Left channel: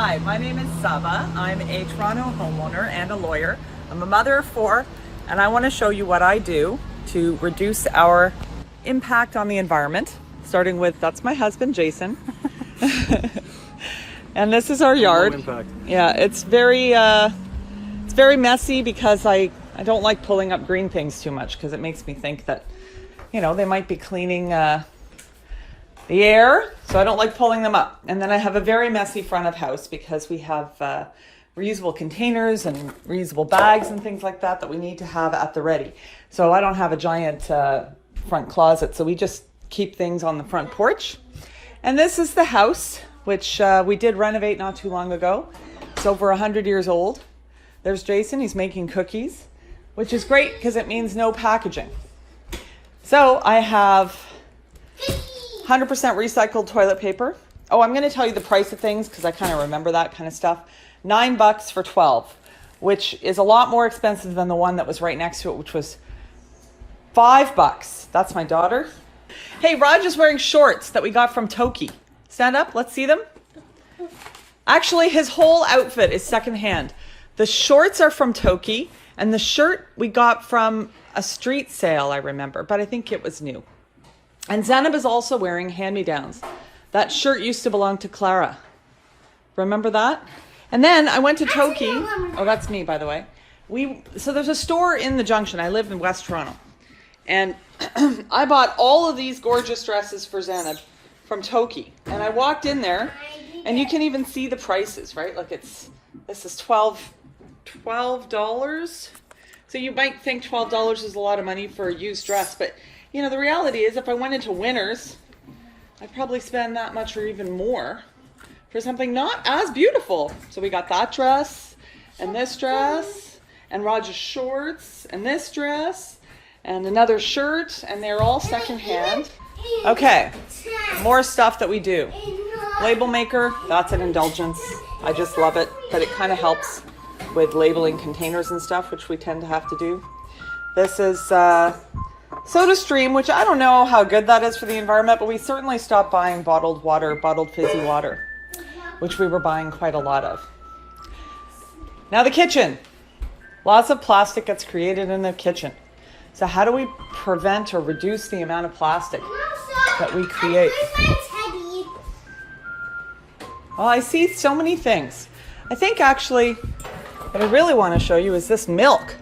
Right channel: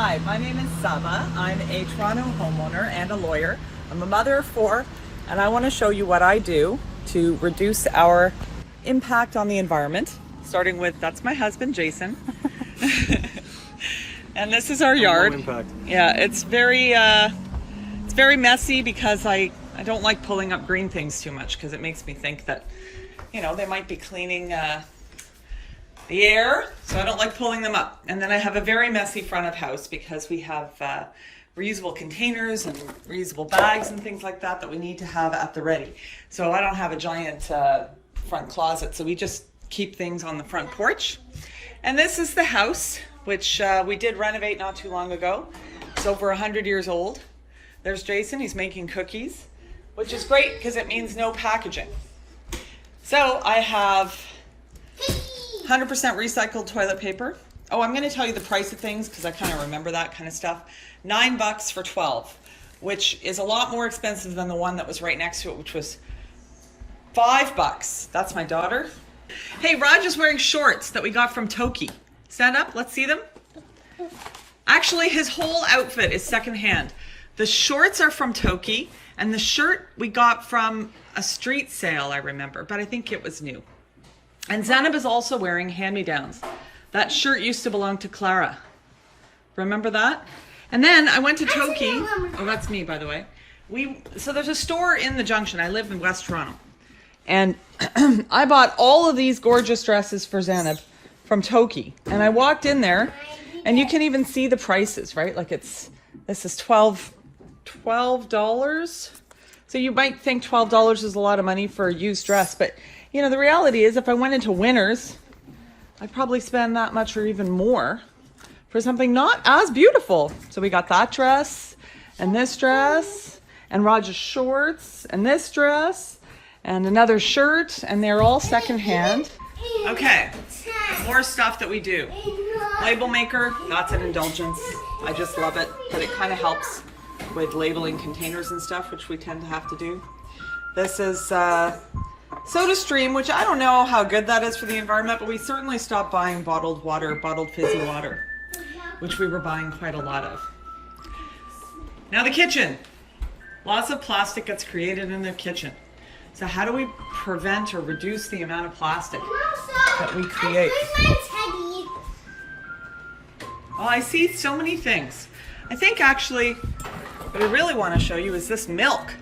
Hi, my name is Saba. I'm a Toronto homeowner and a lawyer. I'm a mother of 4, and I want to show you what I do to reduce our impact on the environment. Starting with, that's my husband, Jason. And this is our yard. Low impact. Yeah, it's very messy because I don't like pulling up green things too much because it makes me think that, you know, they might be cleaning the air, so I don't like pulling them up. And then I have a very messy front of house because we have reusable containers and reusable bags and things like that that we need to have at the ready. So I don't have a giant front closet, so we just keep things on the front porch. And this is the house, which we did renovate not too long ago. It's over 100 years old. There's Jason, he's making cookies, which is great because it means no packaging. So I have 100% recycled toilet paper. Oh, I'm going to tell you the price of things because I kind of remember that kind of stuff. $9 for 12, which is a lot more expensive than the one that was right next to it, which was $5. That's my daughter. Hey, Raj is wearing shorts that we got from Toki. Stand up, let's see them. Actually, his whole outfit is secondhand. The shorts are from Toki, and the shirt we got from a street sale, I remember, but I think it was new. And Zainab is also wearing hand-me-downs. That shirt used to belong to Clara. Remember that? And then I went to Toki. Oh, that's me, by the way. So there's a store in the Junction. I live in West Toronto. And I bought all of these gorgeous dresses for Zainab from Toki. And I walked in there, and you can even see the prices, right? Like this is $12. So you might think $12 is a lot of money for a used dress, but you know, the reality is if I went into Winners, I'd probably spend that much or even more for something not as beautiful. So we got that dress and this dress and Roger's shorts and this dress and another shirt, and they're all secondhand. Okay, more stuff that we do. Label maker, that's an indulgence. I just love it, but it kind of helps with labeling containers and stuff, which we tend to have to do. This is Soda Stream, which I don't know how good that is for the environment, but we certainly stopped buying bottled water, bottled fizzy water, which we were buying quite a lot of. Now the kitchen. Lots of plastic gets created in the kitchen. So how do we prevent or reduce the amount of plastic that we create? Well, I see so many things. I think actually what I really want to show you is this milk.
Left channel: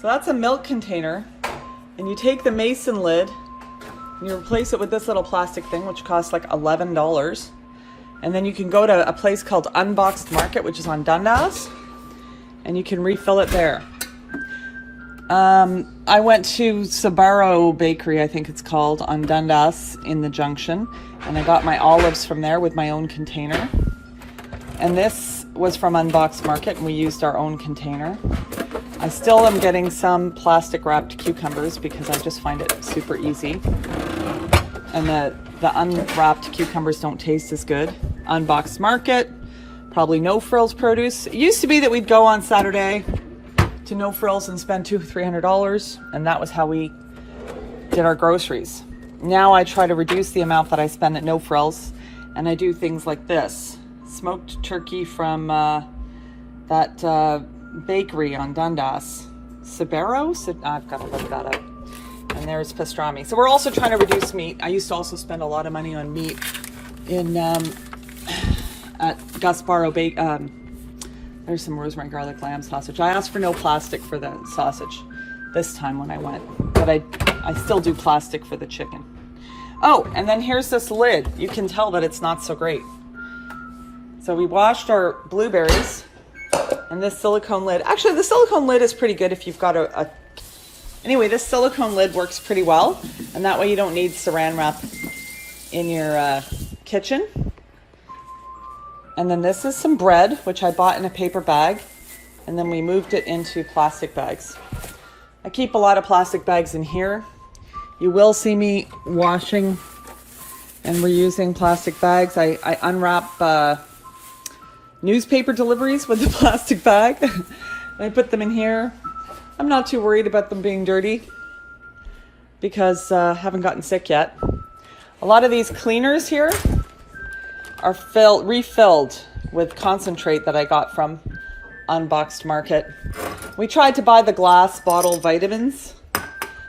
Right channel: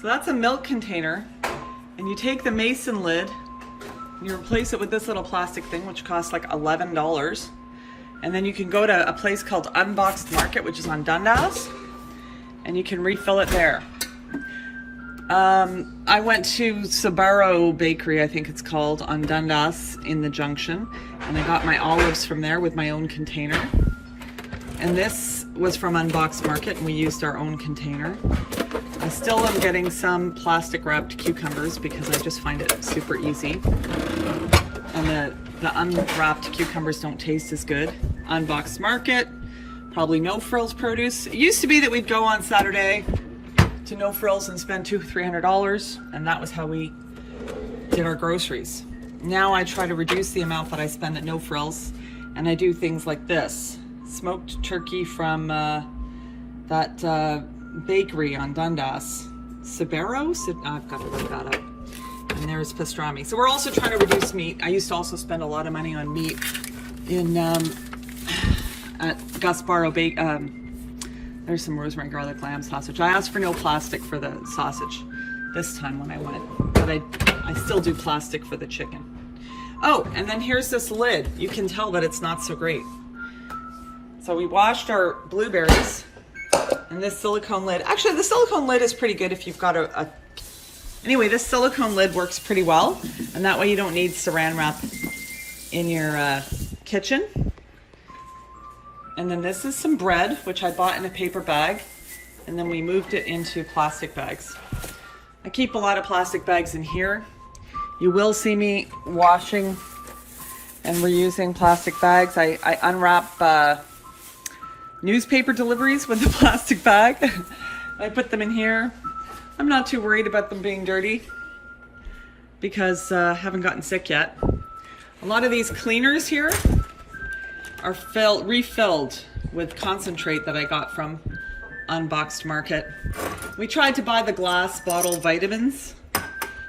So that's a milk container, and you take the mason lid and you replace it with this little plastic thing, which costs like $11. And then you can go to a place called Unboxed Market, which is on Dundas, and you can refill it there. I went to Saba Bakery, I think it's called, on Dundas in the Junction, and I got my olives from there with my own container. And this was from Unboxed Market, and we used our own container. I still am getting some plastic wrapped cucumbers because I just find it super easy. And the unwrapped cucumbers don't taste as good. Unboxed Market, probably No Frills produce. It used to be that we'd go on Saturday to No Frills and spend $200-300, and that was how we did our groceries. Now I try to reduce the amount that I spend at No Frills, and I do things like this. Smoked turkey from that bakery on Dundas. Sibero? I've got to look that up. And there's pastrami. So we're also trying to reduce meat. I used to also spend a lot of money on meat in at Gasparo Bake. There's some rosemary garlic lamb sausage. I asked for no plastic for the sausage this time when I went, but I still do plastic for the chicken. Oh, and then here's this lid. You can tell that it's not so great. So we washed our blueberries, and this silicone lid. Actually, the silicone lid is pretty good if you've got Anyway, this silicone lid works pretty well, and that way you don't need saran wrap in your kitchen. And then this is some bread, which I bought in a paper bag, and then we moved it into plastic bags. I keep a lot of plastic bags in here. You will see me washing and reusing plastic bags. I unwrap newspaper deliveries with the plastic bag. I put them in here. I'm not too worried about them being dirty because I haven't gotten sick yet. A lot of these cleaners here are refilled with concentrate that I got from Unboxed Market. We tried to buy the glass bottle vitamins,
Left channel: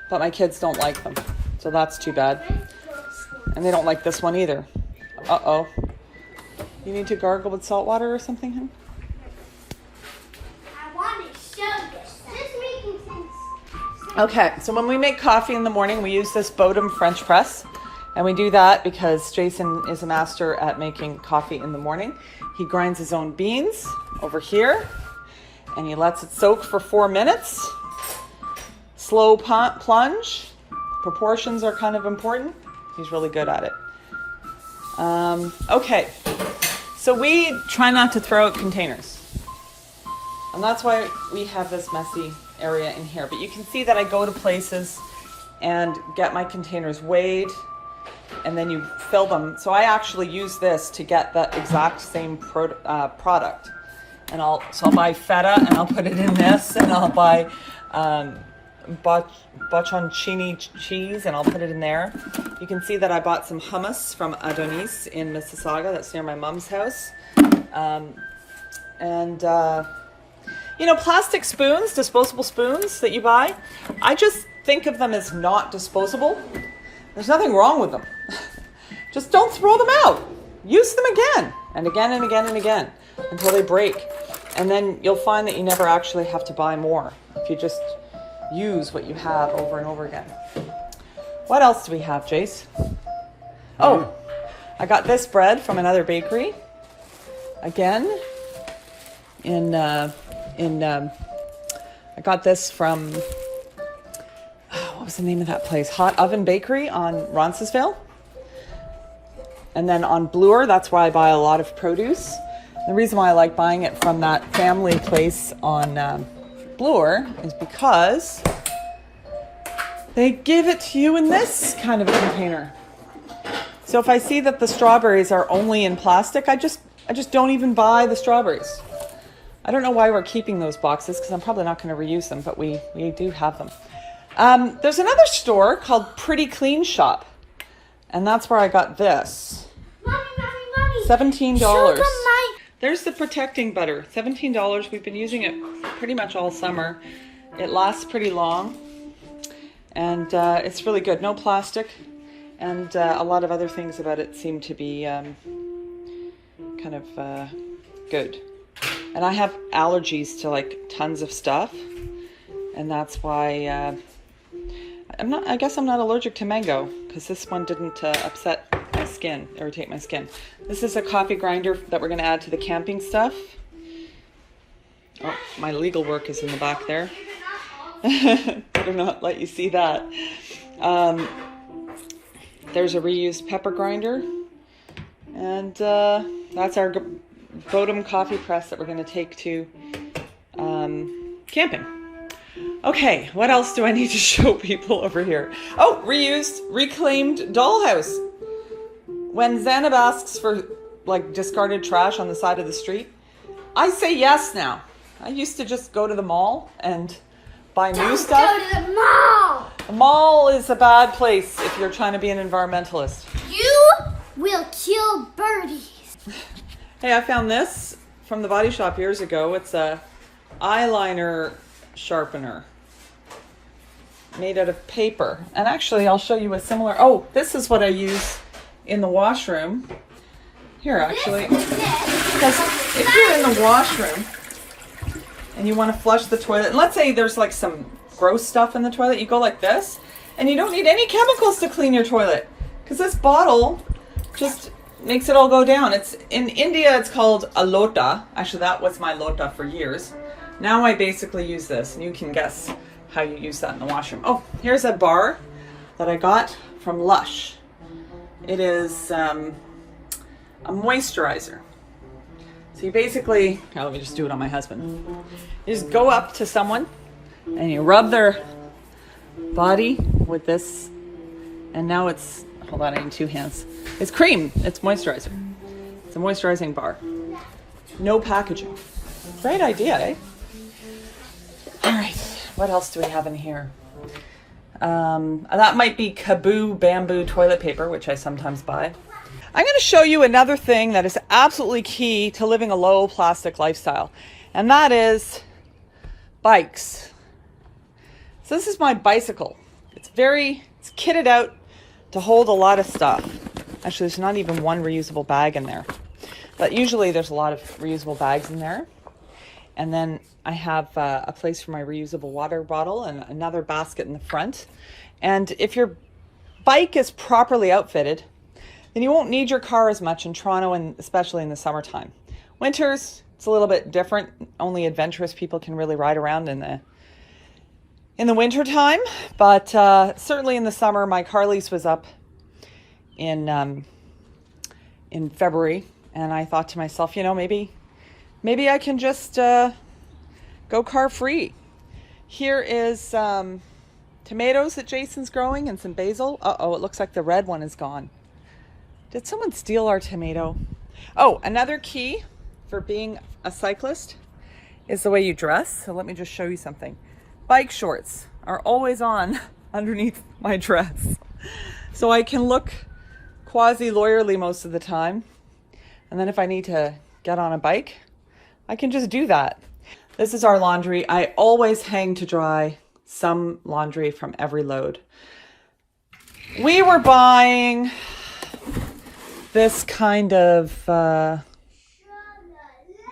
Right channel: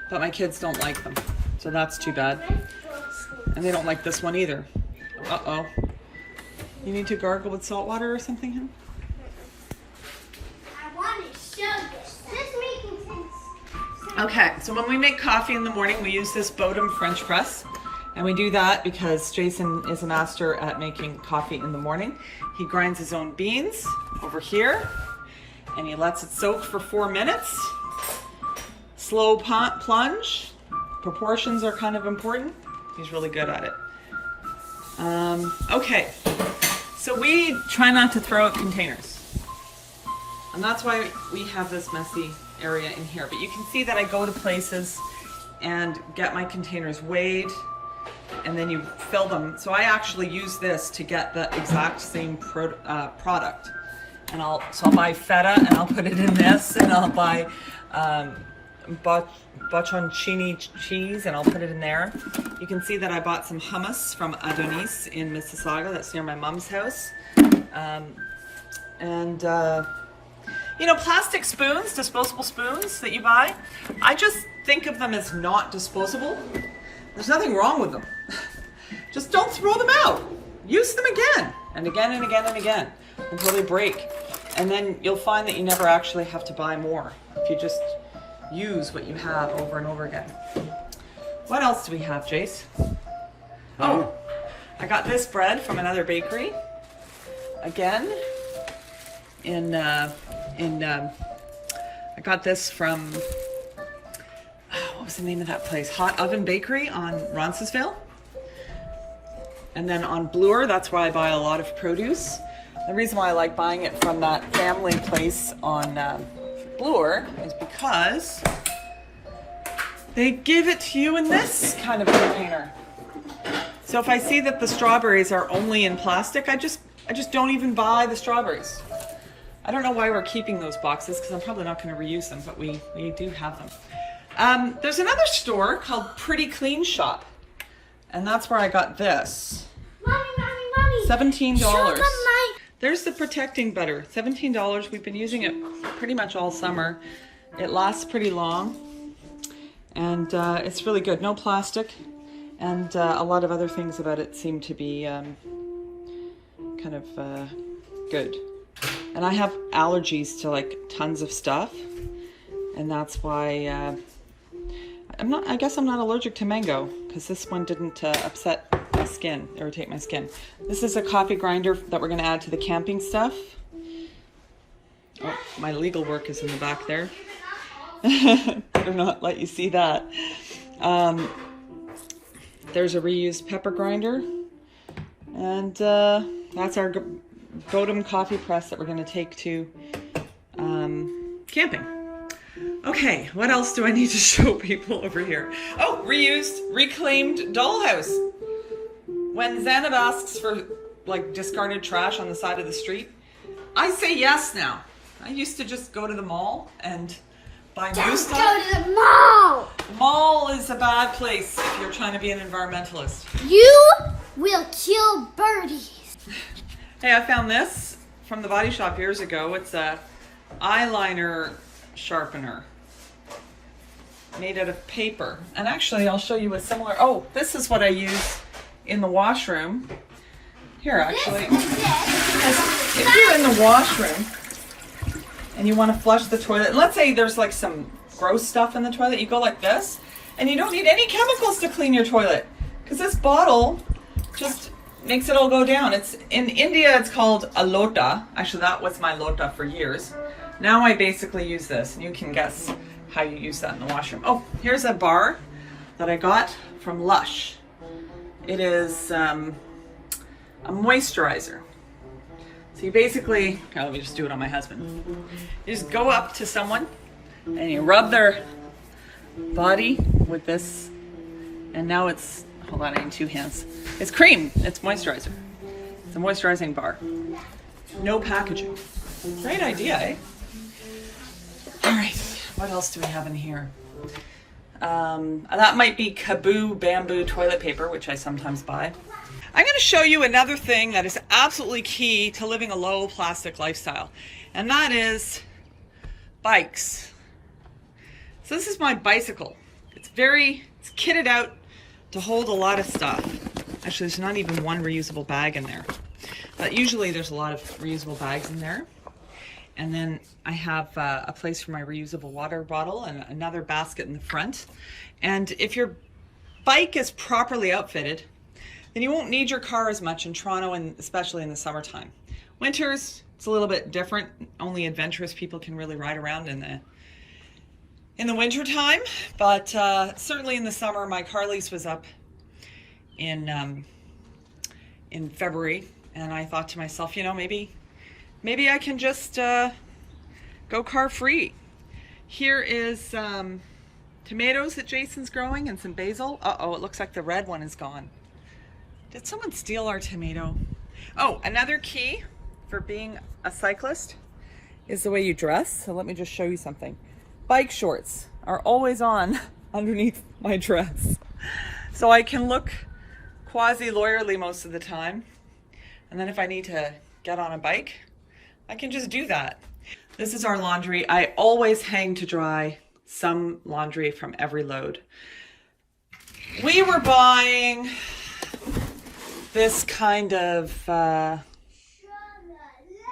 but my kids don't like them, so that's too bad. And they don't like this one either. Uh-oh. You need to gargle with salt water or something, huh? I want to show this. This making sense. Okay, so when we make coffee in the morning, we use this Bodum French press. And we do that because Jason is a master at making coffee in the morning. He grinds his own beans over here, and he lets it soak for 4 minutes. Slow plunge. Proportions are kind of important. He's really good at it. Okay, so we try not to throw out containers. And that's why we have this messy area in here. But you can see that I go to places and get my containers weighed, and then you fill them. So I actually use this to get the exact same product. And I'll buy feta and I'll put it in this, and I'll buy bocconcini cheese and I'll put it in there. You can see that I bought some hummus from Adonis in Mississauga. That's near my mom's house. You know, plastic spoons, disposable spoons that you buy, I just think of them as not disposable. There's nothing wrong with them. Just don't throw them out. Use them again and again and again and again until they break. And then you'll find that you never actually have to buy more if you just use what you have over and over again. What else do we have, Jace? Oh, I got this bread from another bakery. Again, I got this from, what was the name of that place? Hot Oven Bakery on Roncesvalles. And then on Bloor, that's why I buy a lot of produce. The reason why I like buying it from that family place on Bloor is because they give it to you in this kind of container. So if I see that the strawberries are only in plastic, I just don't even buy the strawberries. I don't know why we're keeping those boxes because I'm probably not going to reuse them, but we do have them. There's another store called Pretty Clean Shop, and that's where I got this. Mommy. $17. There's the protecting butter, $17. We've been using it pretty much all summer. It lasts pretty long, and it's really good. No plastic, and a lot of other things about it seem to be kind of good. And I have allergies to like tons of stuff, and that's why I guess I'm not allergic to mango, because this one didn't upset my skin, irritate my skin. This is a coffee grinder that we're going to add to the camping stuff. Oh, my legal work is in the back there. Better not let you see that. There's a reused pepper grinder, and that's our Bodum coffee press that we're going to take to camping. Okay, what else do I need to show people over here? Oh, reused, reclaimed dollhouse. When Zanab asks for like discarded trash on the side of the street, I say yes now. I used to just go to the mall and buy new stuff. Go to the mall! The mall is a bad place if you're trying to be an environmentalist. You will kill birdies. Hey, I found this from the Body Shop years ago. It's a eyeliner sharpener made out of paper. And actually, I'll show you a similar. Oh, this is what I use in the washroom. Here, actually. Because if you're in the washroom and you want to flush the toilet, let's say there's like some gross stuff in the toilet, you go like this, and you don't need any chemicals to clean your toilet, because this bottle just makes it all go down. It's in India, it's called a lota. Actually, that was my lota for years. Now I basically use this, and you can guess how you use that in the washroom. Oh, here's a bar that I got from Lush. It is a moisturizer. So you basically, let me just do it on my husband. You just go up to someone and you rub their body with this, and now it's, hold on, I need two hands. It's cream, it's moisturizer. It's a moisturizing bar. No packaging. Great idea, eh? All right, what else do we have in here? And that might be Kaboo bamboo toilet paper, which I sometimes buy. I'm going to show you another thing that is absolutely key to living a low plastic lifestyle, and that is bikes. So this is my bicycle. It's kitted out to hold a lot of stuff. Actually, there's not even one reusable bag in there, but usually there's a lot of reusable bags in there. And then I have a place for my reusable water bottle and another basket in the front. And if your bike is properly outfitted, then you won't need your car as much in Toronto, and especially in the summertime. Winters, it's a little bit different. Only adventurous people can really ride around in the winter time. But certainly in the summer, my car lease was up in February, and I thought to myself, you know, maybe I can just go car free. Here is tomatoes that Jason's growing and some basil. Uh-oh, it looks like the red one is gone. Did someone steal our tomato? Oh, another key for being a cyclist is the way you dress. So let me just show you something. Bike shorts are always on underneath my dress. So I can look quasi-lawyerly most of the time. And then if I need to get on a bike, I can just do that. This is our laundry. I always hang to dry some laundry from every load. We were buying this kind of,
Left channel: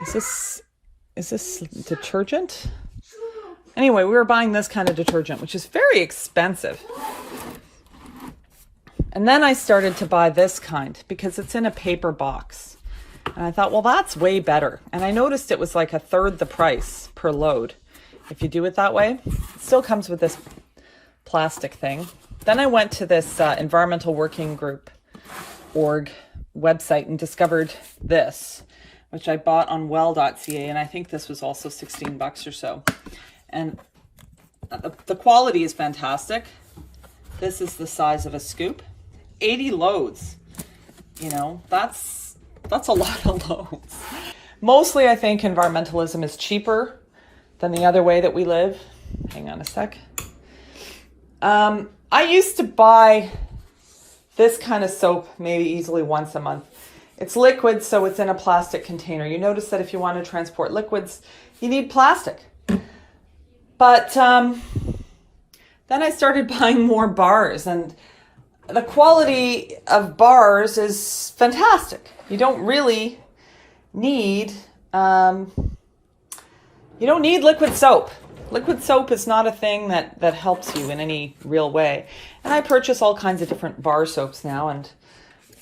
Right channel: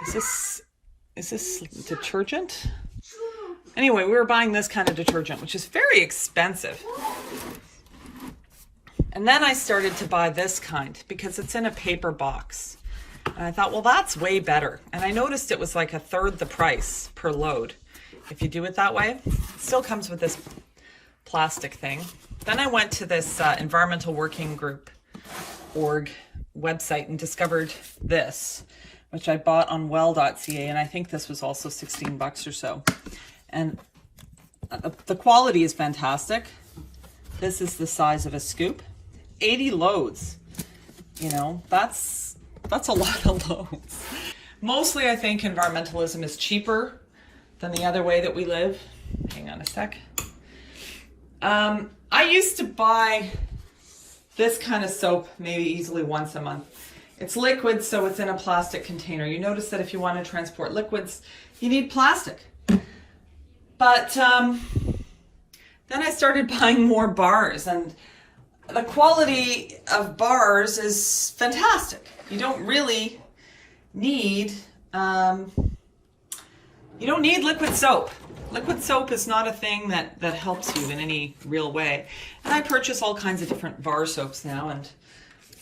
is this detergent? Anyway, we were buying this kind of detergent, which is very expensive. And then I started to buy this kind because it's in a paper box. And I thought, well, that's way better. And I noticed it was like a third the price per load if you do it that way. It still comes with this plastic thing. Then I went to this Environmental Working Group org website and discovered this, which I bought on well.ca, and I think this was also 16 bucks or so. And the quality is fantastic. This is the size of a scoop. 80 loads. You know, that's a lot of loads. Mostly I think environmentalism is cheaper than the other way that we live. Hang on a sec. I used to buy this kind of soap maybe easily once a month. It's liquid, so it's in a plastic container. You notice that if you want to transport liquids, you need plastic. But then I started buying more bars, and the quality of bars is fantastic. You don't really need, liquid soap. Liquid soap is not a thing that helps you in any real way. And I purchase all kinds of different bar soaps now, and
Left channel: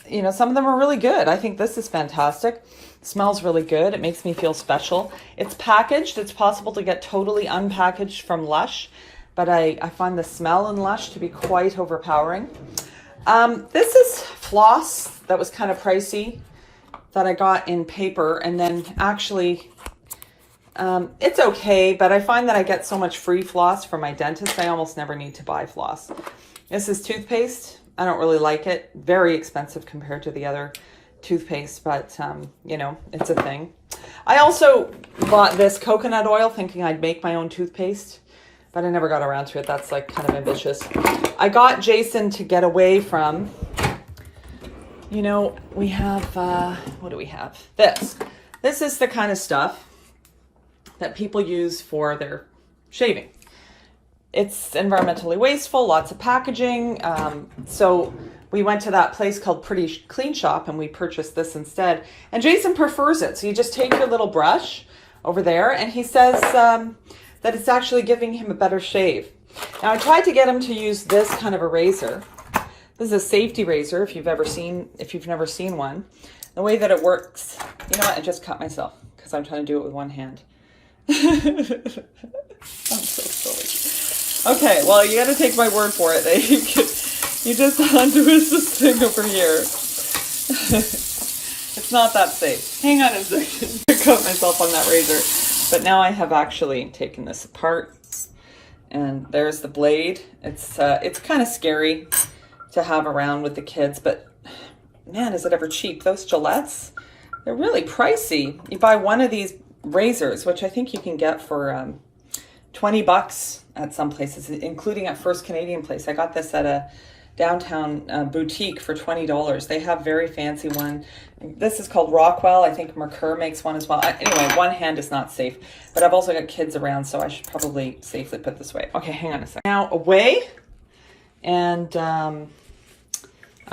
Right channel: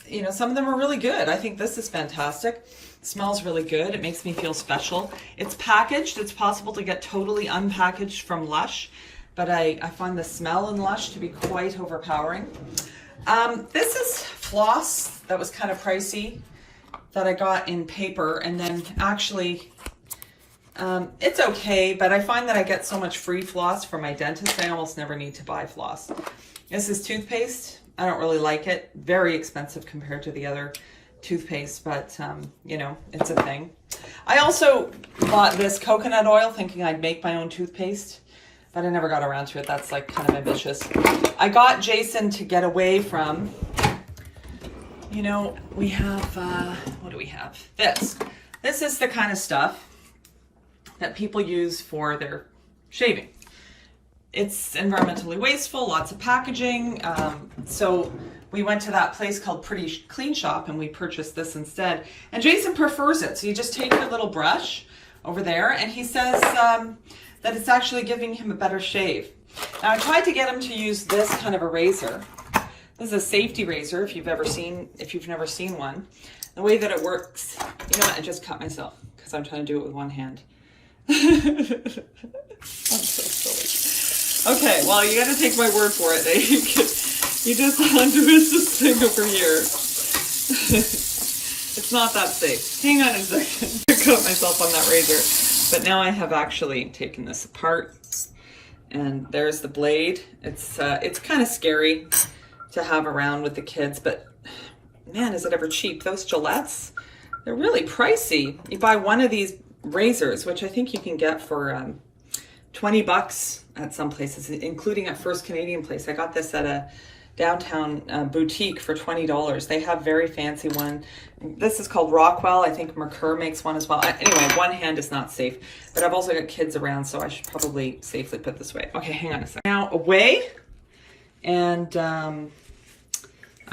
you know, some of them are really good. I think this is fantastic. It smells really good. It makes me feel special. It's packaged. It's possible to get totally unpackaged from Lush, but I find the smell in Lush to be quite overpowering. This is floss that was kind of pricey that I got in paper, and then actually it's okay, but I find that I get so much free floss from my dentist, I almost never need to buy floss. This is toothpaste. I don't really like it. Very expensive compared to the other toothpaste, but you know, it's a thing. I also bought this coconut oil thinking I'd make my own toothpaste, but I never got around to it. That's like kind of ambitious. I got Jason to get away from, you know, we have, what do we have? This. This is the kind of stuff that people use for their shaving. It's environmentally wasteful, lots of packaging. So we went to that place called Pretty Clean Shop and we purchased this instead. And Jason prefers it. So you just take your little brush over there, and he says that it's actually giving him a better shave. Now I tried to get him to use this kind of a razor. This is a safety razor if you've never seen one. The way that it works, you know what, I just cut myself because I'm trying to do it with one hand. I'm so silly. Okay, well, you got to take my word for it. You just untwist this thing over here. It's not that safe. Hang on a second. I cut myself on that razor. But now I have actually taken this apart, and there's the blade. It's kind of scary to have around with the kids, but man, is it ever cheap. Those Gillettes, they're really pricey. You buy one of these razors, which I think you can get for 20 bucks at some places, including at First Canadian Place. I got this at downtown boutique for $20. They have very fancy one. This is called Rockwell. I think Mercure makes one as well. Anyway, one hand is not safe, but I've also got kids around, so I should probably safely put this away. Okay, hang on a second. Now away, and I'm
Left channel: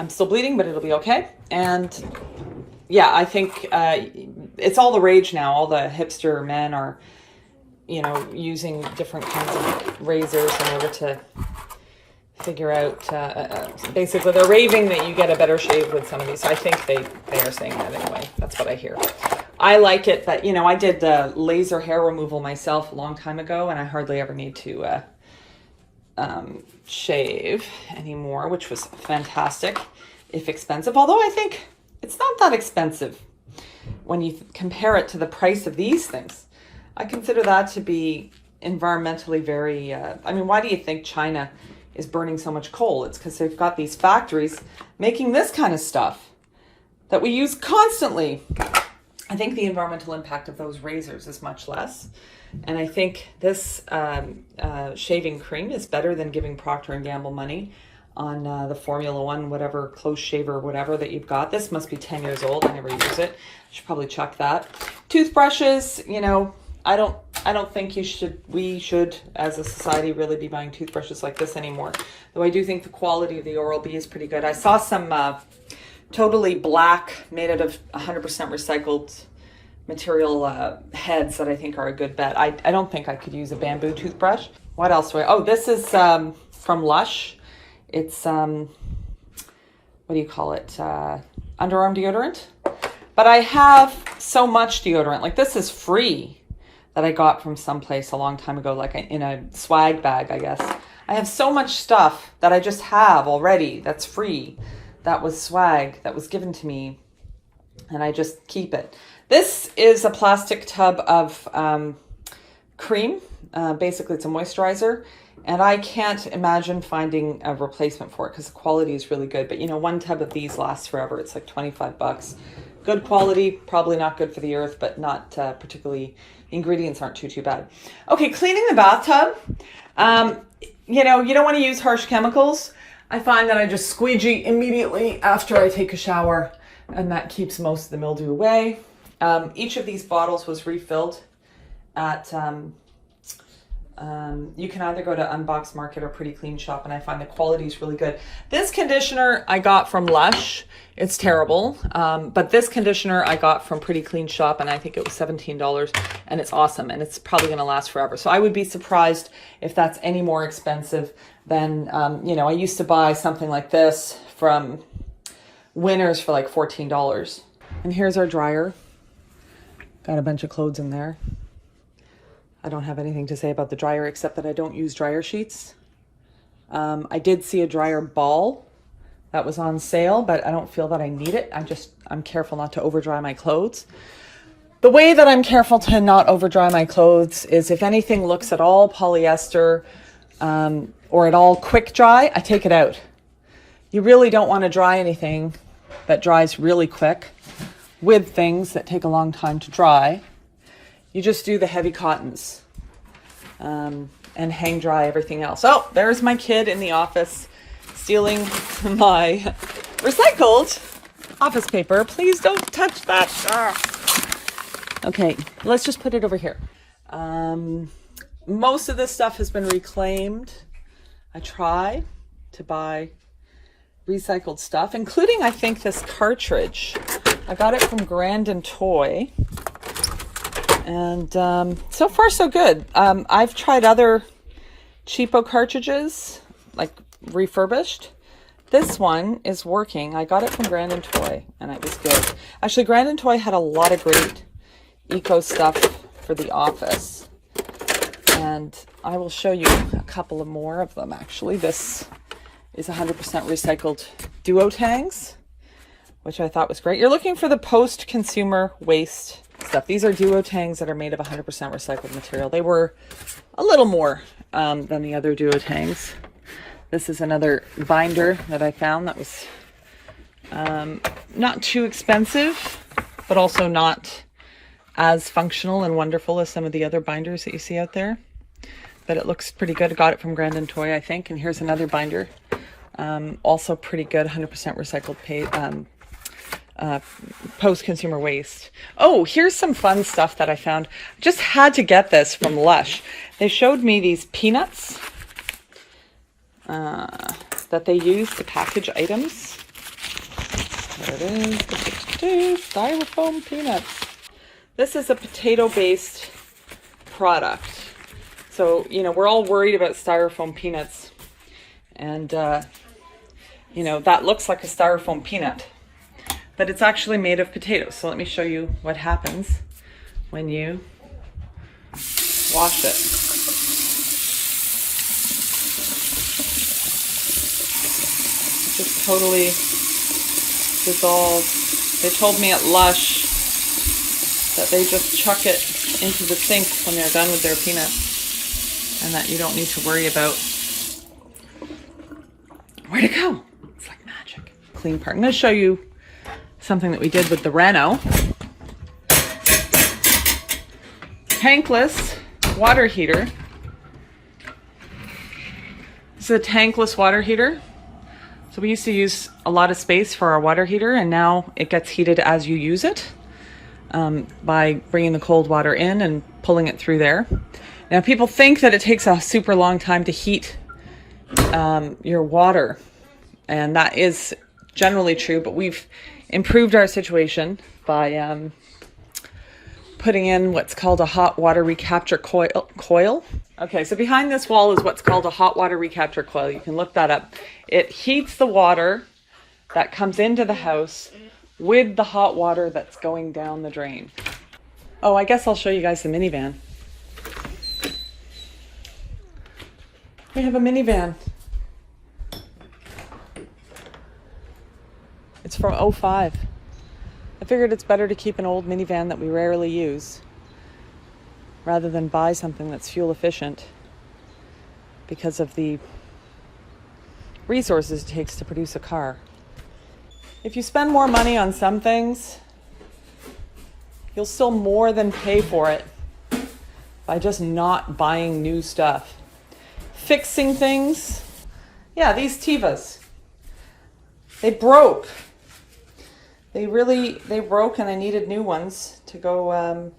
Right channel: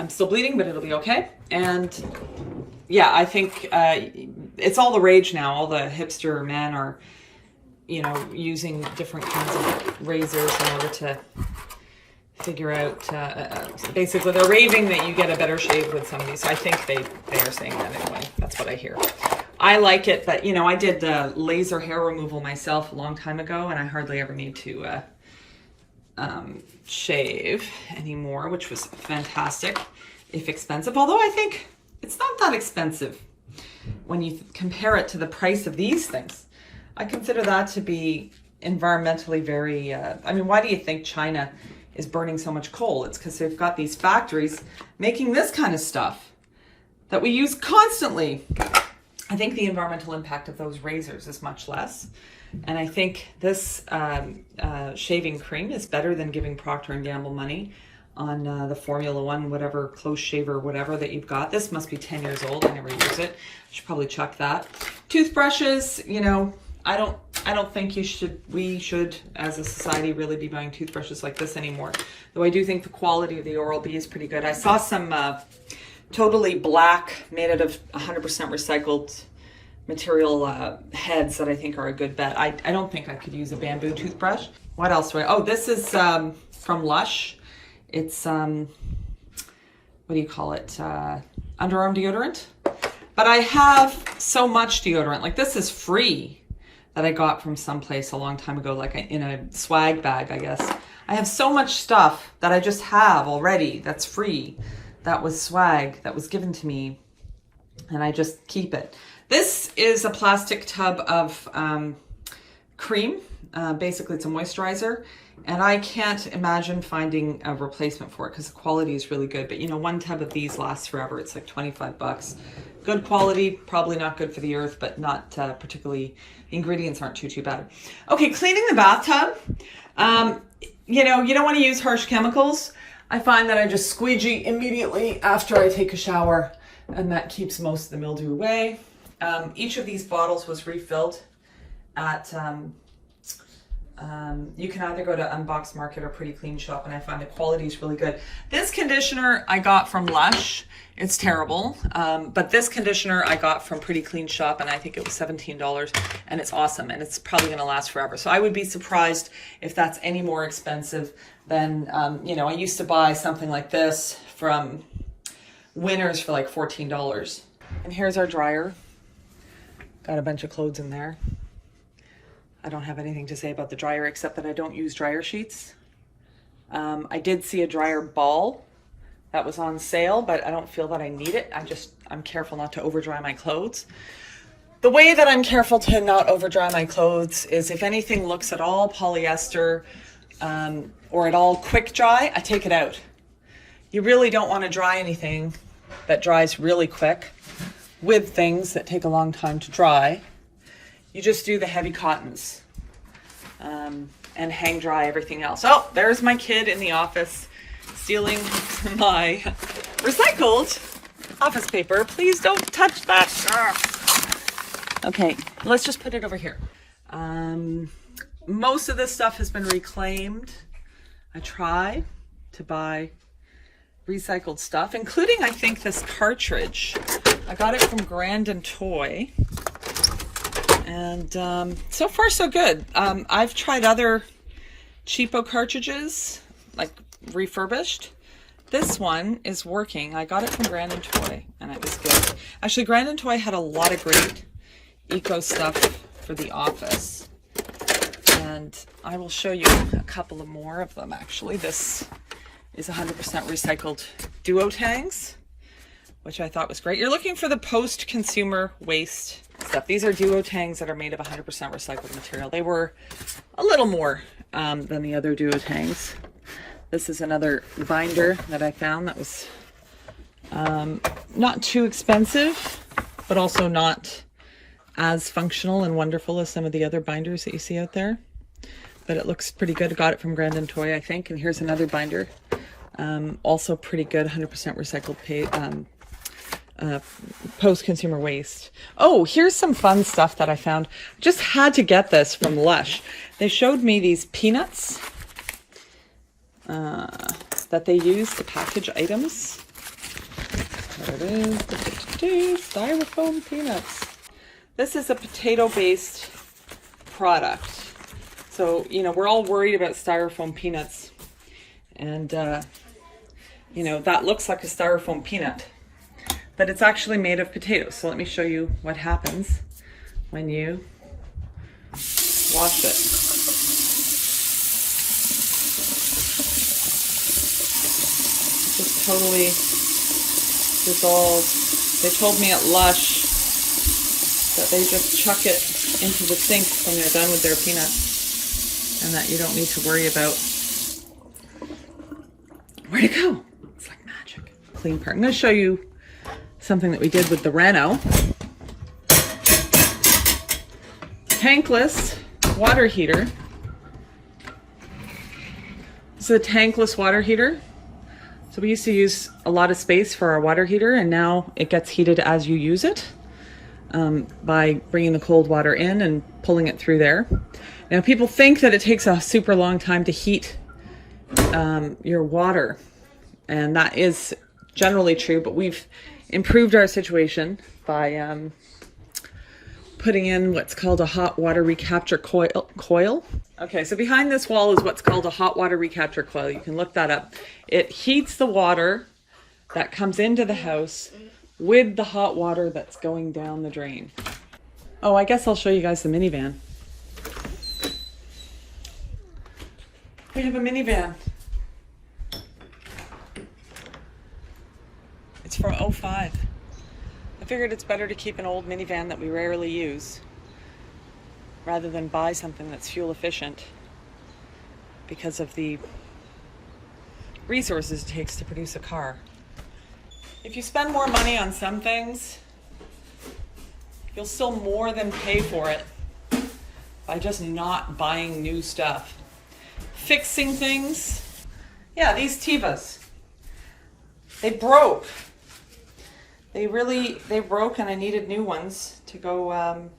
still bleeding, but it'll be okay. And yeah, I think it's all the rage now. All the hipster men are, you know, using different kinds of razors in order to figure out, basically they're raving that you get a better shave with some of these. I think they are saying that anyway. That's what I hear. I like it, but you know, I did the laser hair removal myself a long time ago, and I hardly ever need to shave anymore, which was fantastic, if expensive. Although I think it's not that expensive when you compare it to the price of these things. I consider that to be environmentally very, I mean, why do you think China is burning so much coal? It's because they've got these factories making this kind of stuff that we use constantly. I think the environmental impact of those razors is much less. And I think this shaving cream is better than giving Procter & Gamble money on the Formula One, whatever, close shaver, whatever that you've got. This must be 10 years old. I never use it. I should probably chuck that. Toothbrushes, you know, I don't think we should as a society really be buying toothbrushes like this anymore. Though I do think the quality of the Oral-B is pretty good. I saw some totally black, made out of 100% recycled material heads that I think are a good bet. I don't think I could use a bamboo toothbrush. What else do I, oh, this is from Lush. It's, what do you call it? Underarm deodorant. But I have so much deodorant. Like, this is free that I got from someplace a long time ago, like in a swag bag, I guess. I have so much stuff that I just have already that's free. That was swag that was given to me, and I just keep it. This is a plastic tub of cream. Basically, it's a moisturizer, and I can't imagine finding a replacement for it because the quality is really good. But you know, one tub of these lasts forever. It's like 25 bucks. Good quality, probably not good for the earth, but not particularly, ingredients aren't too bad. Okay, cleaning the bathtub. You know, you don't want to use harsh chemicals. I find that I just squeegee immediately after I take a shower, and that keeps most of the mildew away. Each of these bottles was refilled at, you can either go to Unbox Market or Pretty Clean Shop, and I find the quality is really good. This conditioner I got from Lush. It's terrible, but this conditioner I got from Pretty Clean Shop, and I think it was $17, and it's awesome, and it's probably going to last forever. So I would be surprised if that's any more expensive than, you know, I used to buy something like this from Winners for like $14. And here's our dryer. Got a bunch of clothes in there. I don't have anything to say about the dryer except that I don't use dryer sheets. I did see a dryer ball that was on sale, but I don't feel that I need it. I'm careful not to over dry my clothes. The way that I'm careful to not over dry my clothes is if anything looks at all polyester or at all quick dry, I take it out. You really don't want to dry anything that dries really quick with things that take a long time to dry. You just do the heavy cottons and hang dry everything else. Oh, there's my kid in the office stealing my recycled office paper. Please don't touch that. Okay, let's just put it over here. Most of this stuff has been reclaimed. I try to buy recycled stuff, including, I think, this cartridge. I got it from Grandin Toy. And so far, so good. I've tried other cheapo cartridges, like refurbished. This one is working. I got it from Grandin Toy, and it was good. Actually, Grandin Toy had a lot of great eco stuff for the office. And I will show you a couple of more of them, actually. This is 100% recycled duo tangs, which I thought was great. You're looking for the post-consumer waste stuff. These are duo tangs that are made of 100% recycled material. They were a little more than the other duo tangs. This is another binder that I found that was not too expensive, but also not as functional and wonderful as some of the other binders that you see out there. But it looks pretty good. I got it from Grandin Toy, I think. And here's another binder Also pretty good, 100% recycled post-consumer waste. Oh, here's some fun stuff that I found. Just had to get this from Lush. They showed me these peanuts that they use to package items. There it is, styrofoam peanuts. This is a potato-based product. So, you know, we're all worried about styrofoam peanuts. And, you know, that looks like a styrofoam peanut. But it's actually made of potatoes. So let me show you what happens when you wash it. It just totally dissolves. They told me at Lush that they just chuck it into the sink when they're done with their peanuts, and that you don't need to worry about where to go. It's like magic. Clean part. I'm going to show you something that we did with the Renault. Tankless water heater. This is a tankless water heater. So we used to use a lot of space for our water heater, and now it gets heated as you use it by bringing the cold water in and pulling it through there. Now people think that it takes a super long time to heat your water, and that is generally true, but we've improved our situation by putting in what's called a hot water recapture coil. Okay, so behind this wall is what's called a hot water recapture coil. You can look that up. It heats the water that comes into the house with the hot water that's going down the drain. Oh, I guess I'll show you guys the minivan. We have a minivan. It's from '05. I figured it's better to keep an old minivan that we rarely use rather than buy something that's fuel efficient because of the resources it takes to produce a car. If you spend more money on some things, you'll still more than pay for it by just not buying new stuff. Fixing things. Yeah, these Tivas. They broke. They broke, and I needed new ones to go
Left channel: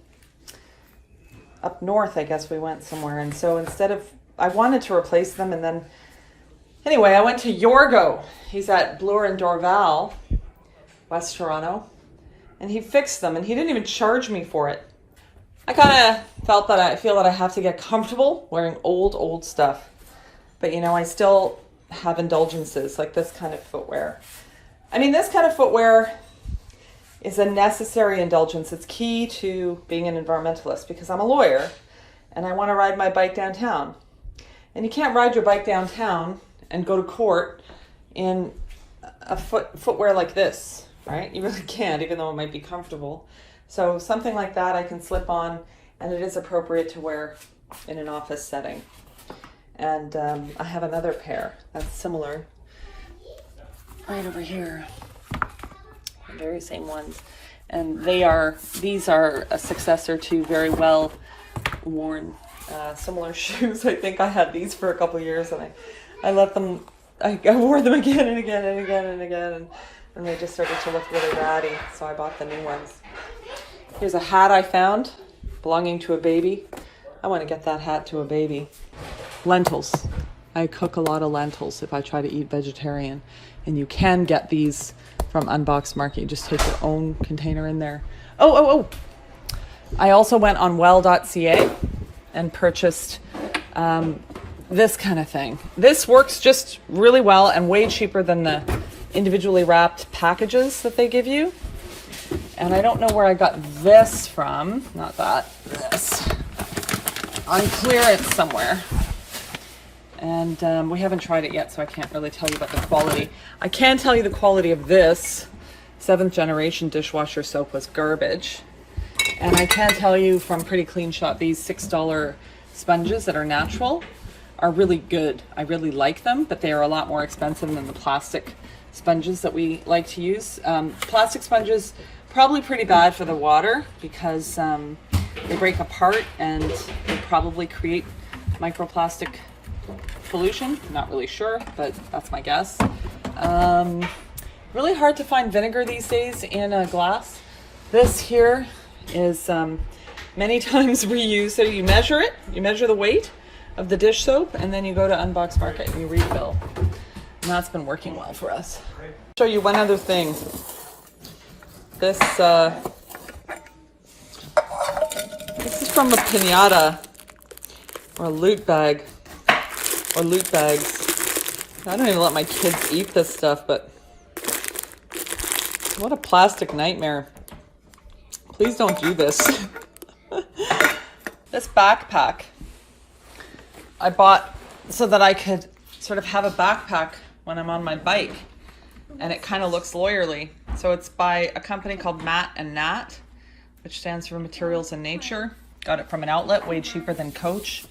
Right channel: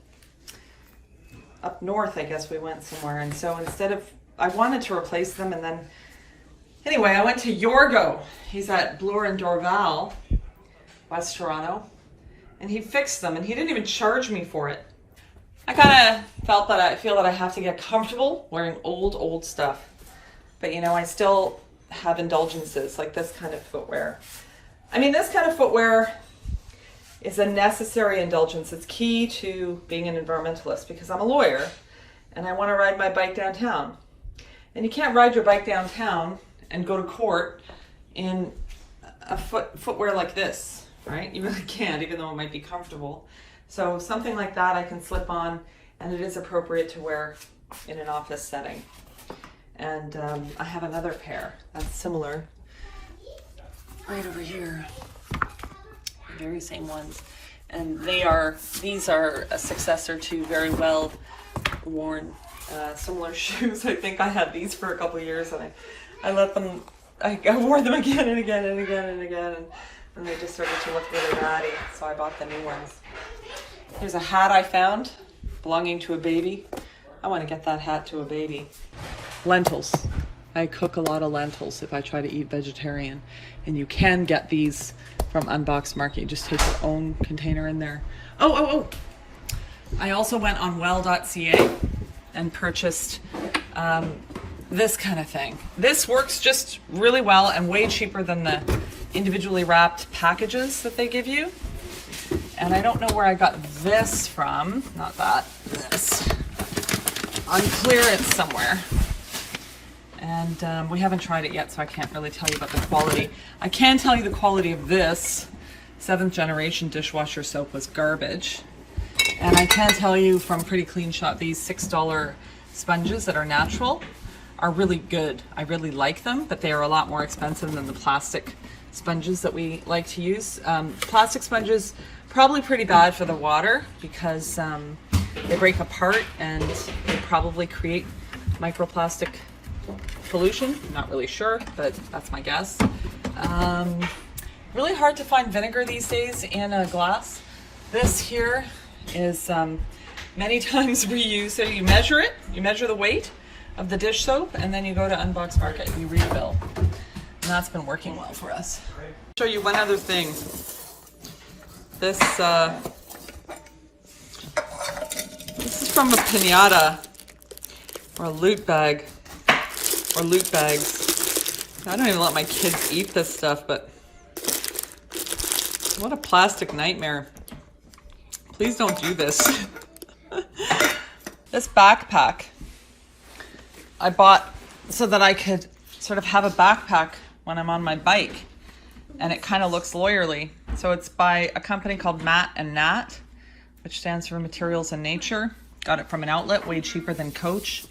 up north. I guess we went somewhere, and so I wanted to replace them, and then anyway, I went to Yorgo. He's at Bloor and Dorval, West Toronto, and he fixed them, and he didn't even charge me for it. I kind of feel that I have to get comfortable wearing old stuff, but you know, I still have indulgences like this kind of footwear. I mean, this kind of footwear is a necessary indulgence. It's key to being an environmentalist because I'm a lawyer and I want to ride my bike downtown. And you can't ride your bike downtown and go to court in a footwear like this, right? You really can't, even though it might be comfortable. So something like that I can slip on, and it is appropriate to wear in an office setting. And I have another pair that's similar right over here. The very same ones. And these are a successor to very well worn similar shoes. I think I had these for a couple years, and I wore them again and again and again and again, and they just started to look really ratty, so I bought the new ones. Here's a hat I found belonging to a baby. I want to get that hat to a baby. Lentils. I cook a lot of lentils if I try to eat vegetarian, and you can get these from Unboxed Market. You just take your own container in there. Oh! I also went on well.ca and purchased this kind of thing. This works just really well and way cheaper than the individually wrapped packages that they give you. And I don't know where I got this from. Not that. This. On clearance somewhere. And we haven't tried it yet, so I can't really tell you about the quality. I can tell you the quality of this 7th generation dishwasher soap was garbage. And I can tell you from Pretty Clean Shop, these $6 sponges that are natural are really good. I really like them, but they are a lot more expensive than the plastic sponges that we like to use. Plastic sponges, probably pretty bad for the water because they break apart and they probably create microplastic pollution. Not really sure, but that's my guess. Really hard to find vinegar these days in a glass. This here is many times we use, so you measure it, you measure the weight of the dish soap, and then you go to Unbox Market and you refill. And that's been working well for us. I'll show you one other thing. This is from a pinata or a loot bag or loot bags. I don't even let my kids eat this stuff, but what a plastic nightmare. Please don't do this. This backpack I bought so that I could sort of have a backpack when I'm on my bike, and it kind of looks lawyerly. So it's by a company called Matt and Nat, which stands for Materials in Nature. Got it from an outlet, way cheaper than Coach.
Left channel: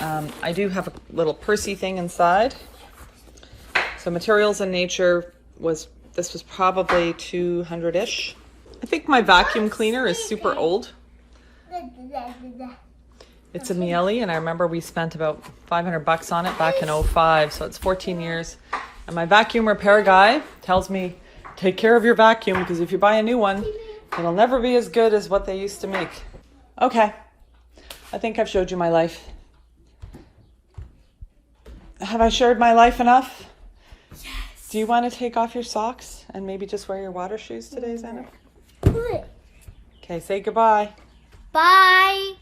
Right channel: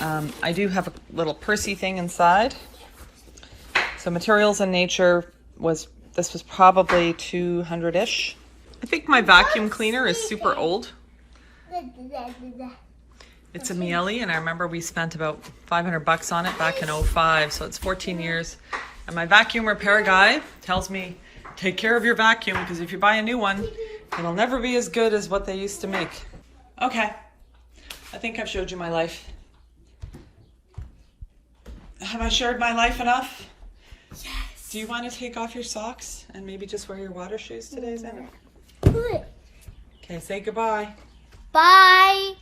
I do have a little pursy thing inside. So Materials in Nature this was probably 200-ish. I think my vacuum cleaner is super old. It's a Miele, and I remember we spent about $500 on it back in 2005, so it's 14 years. And my vacuum repair guy tells me, take care of your vacuum, because if you buy a new one, it'll never be as good as what they used to make. Okay, I think I've showed you my life. Have I shared my life enough? Yes. Do you want to take off your socks and maybe just wear your water shoes today, Xander? Okay, say goodbye. Bye.